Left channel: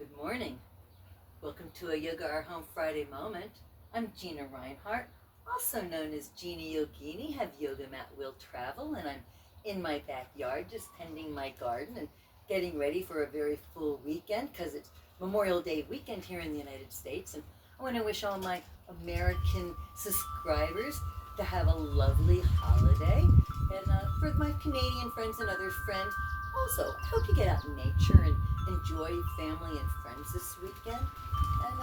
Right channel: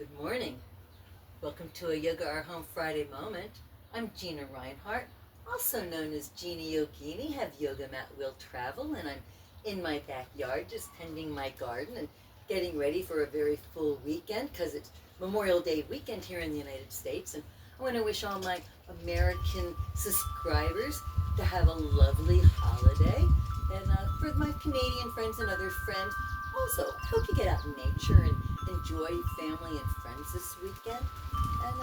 Good morning. Welcome to a Yoga Our Home Friday moment. I'm Gina Reinhart, also known as Gina Yogini. Have yoga mat will travel, and I'm in my backyard just tending my garden and getting ready for a very full weekend because it's Memorial Day weekend here in the United States. And I want to wish all my American subscribers to have a lovely holiday. And for my Canadian friends and other friends, also, I hope you get out in nature and enjoy family and friends this weekend. And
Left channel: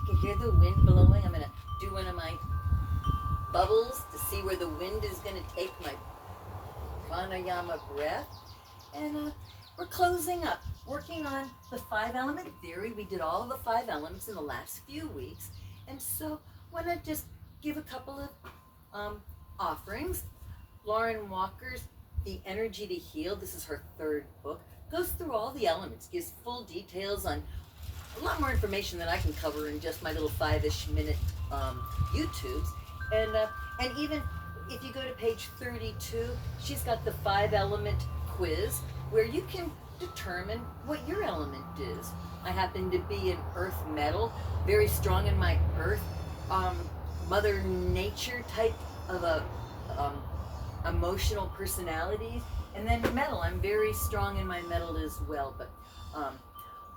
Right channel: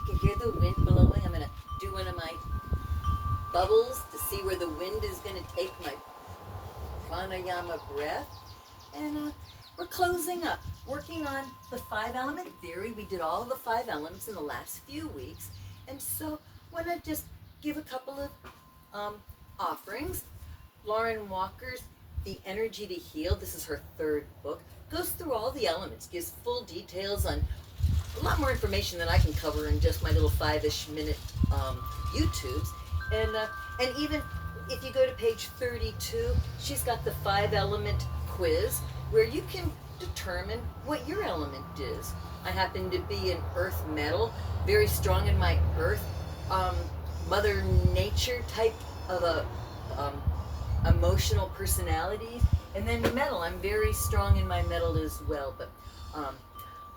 you can hear the wind blowing. I'm going to do one of my bubbles to see where the wind is going to take my pranayama breath. And we're closing up, working on the 5-element theory. We did all of the 5 elements in the last few weeks. And so I want to just give a couple of offerings. Lauren Walker's The Energy to Heal, this is her 3rd book, goes through all the elements, gives full details on a lot more information than I can cover in just my little 5-ish minute YouTubes. And even if you go to page 32, she's got the 5-element quiz where you can determine what your element is. I happen to be an earth metal, very strong in my earth, Mother Nature type of a emotional personalities. And then metal, I'm very strong in my metal as well. But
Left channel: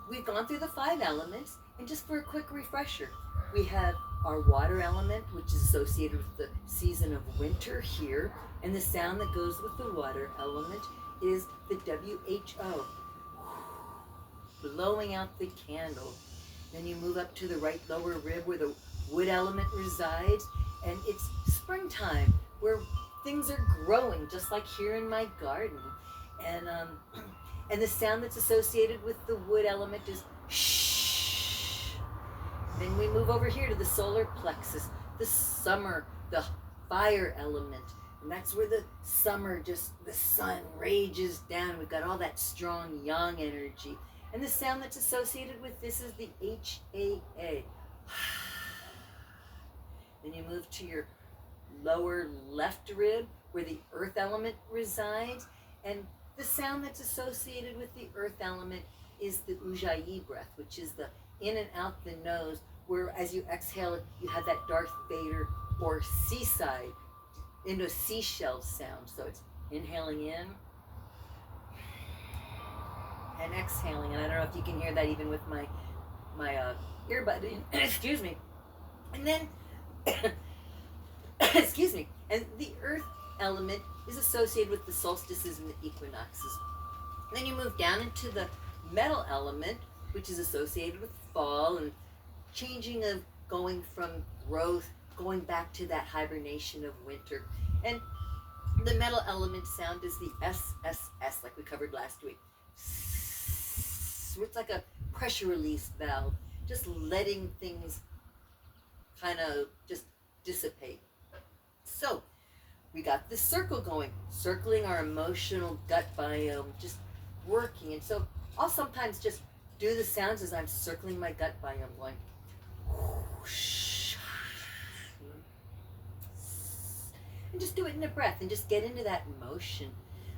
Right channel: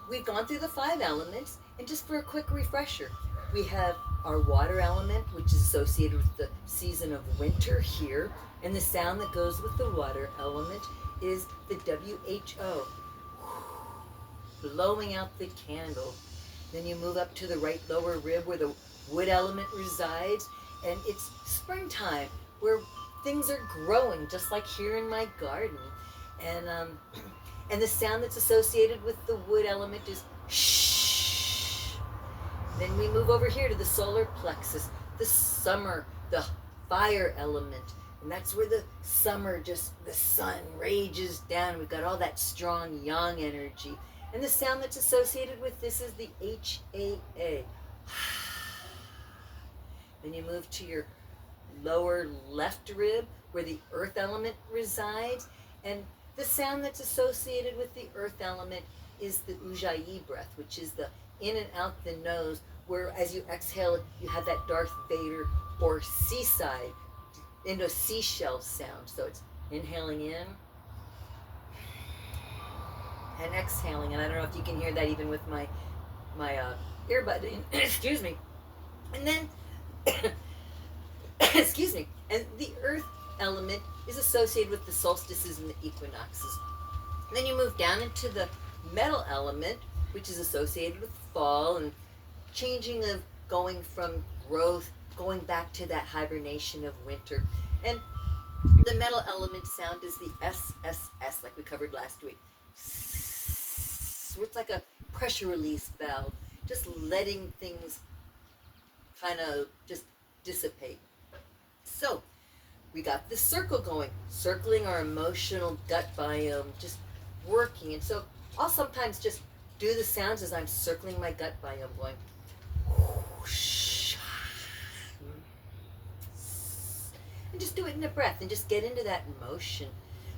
we've gone through the 5 elements, and just for a quick refresher, we have our water element, which is associated with the season of winter here, and the sound that goes with the water element is the WHO, blowing out the candle. Then you move up to the right lower rib where the wood element resides, and it's springtime where things are growing, just like here in my garden. And the sound that's associated with the wood element is shh. Then we move over here to the solar plexus, the summer, the fire element. And that's where the summer, just the sun rages down. We've got all that strong yang energy. And the sound that's associated with this is the HAA. Then you move to your lower left rib where the earth element resides, and the sound that's associated with the earth element is the Ujjayi breath, which is the in and out the nose, where as you exhale you have that Darth Vader or seaside into a seashell sound. So it's inhaling in and exhaling, and I don't know if you can hear that even with my earbud in. Excuse me. And then excuse me. And the earth element is associated with the solstices and the equinoxes. And then you move down into the metal element, which is associated with fall and changing of going from growth, going back to that hibernation of winter. And the metal element sound is the SSS, like we covered last week. So it's like a pressure release valve, just letting things kind of just dissipate. So we got this circle going, circling our emotional gut biome, just working. And so I'll sometimes just do the sounds as I'm circling my gut biome, going whoosh, and just do it in a breath and just get into that emotion.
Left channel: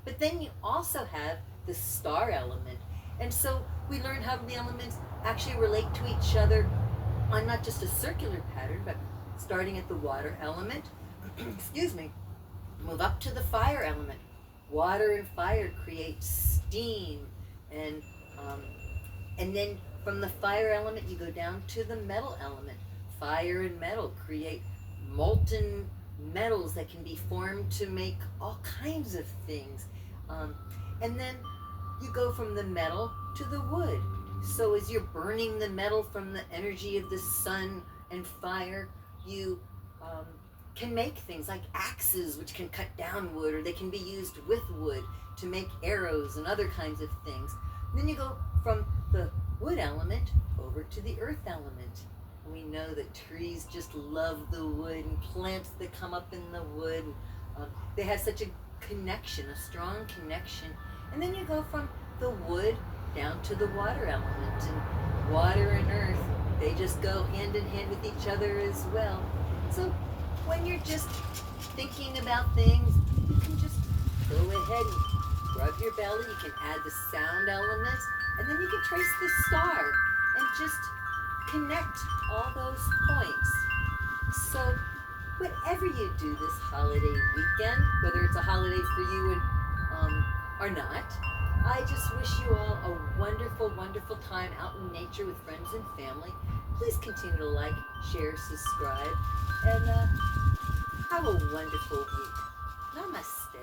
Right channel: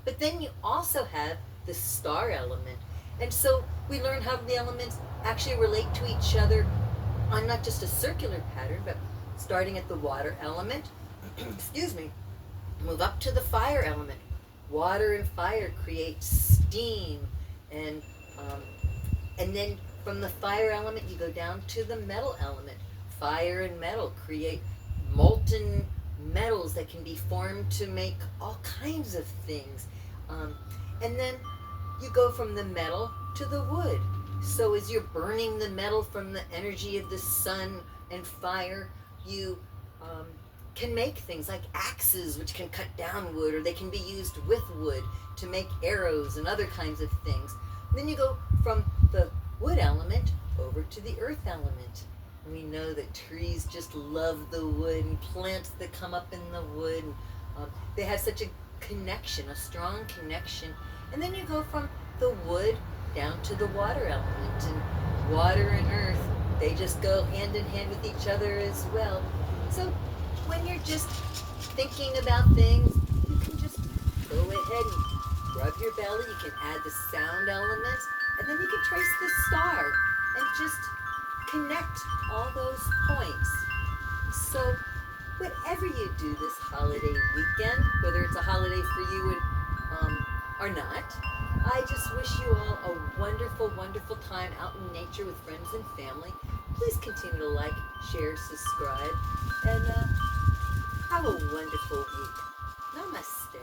But then you also have the star element. And so we learn how the elements actually relate to each other on not just a circular pattern, but starting at the water element, excuse me, move up to the fire element. Water and fire create steam, and then from the fire element you go down to the metal element. Fire and metal create molten metals that can be formed to make all kinds of things. And then you go from the metal to the wood. So as you're burning the metal from the energy of the sun and fire, you can make things like axes, which can cut down wood, or they can be used with wood to make arrows and other kinds of things. And then you go from the wood element over to the earth element. And we know that trees just love the wood, and plants that come up in the wood, they have such a connection, a strong connection. And then you go from the wood down to the water element, and water and earth, they just go hand in hand with each other as well. So when you're just thinking about things, you can just go ahead and rub your belly. You can add the sound elements. And then you can trace the star and just connect all those points. So whatever you do this holiday weekend, whether it's a holiday for you or not, I just wish you all a wonderful, wonderful time out in nature with friends and family. Please continue to like, share, subscribe, and have a wonderful week. Namaste.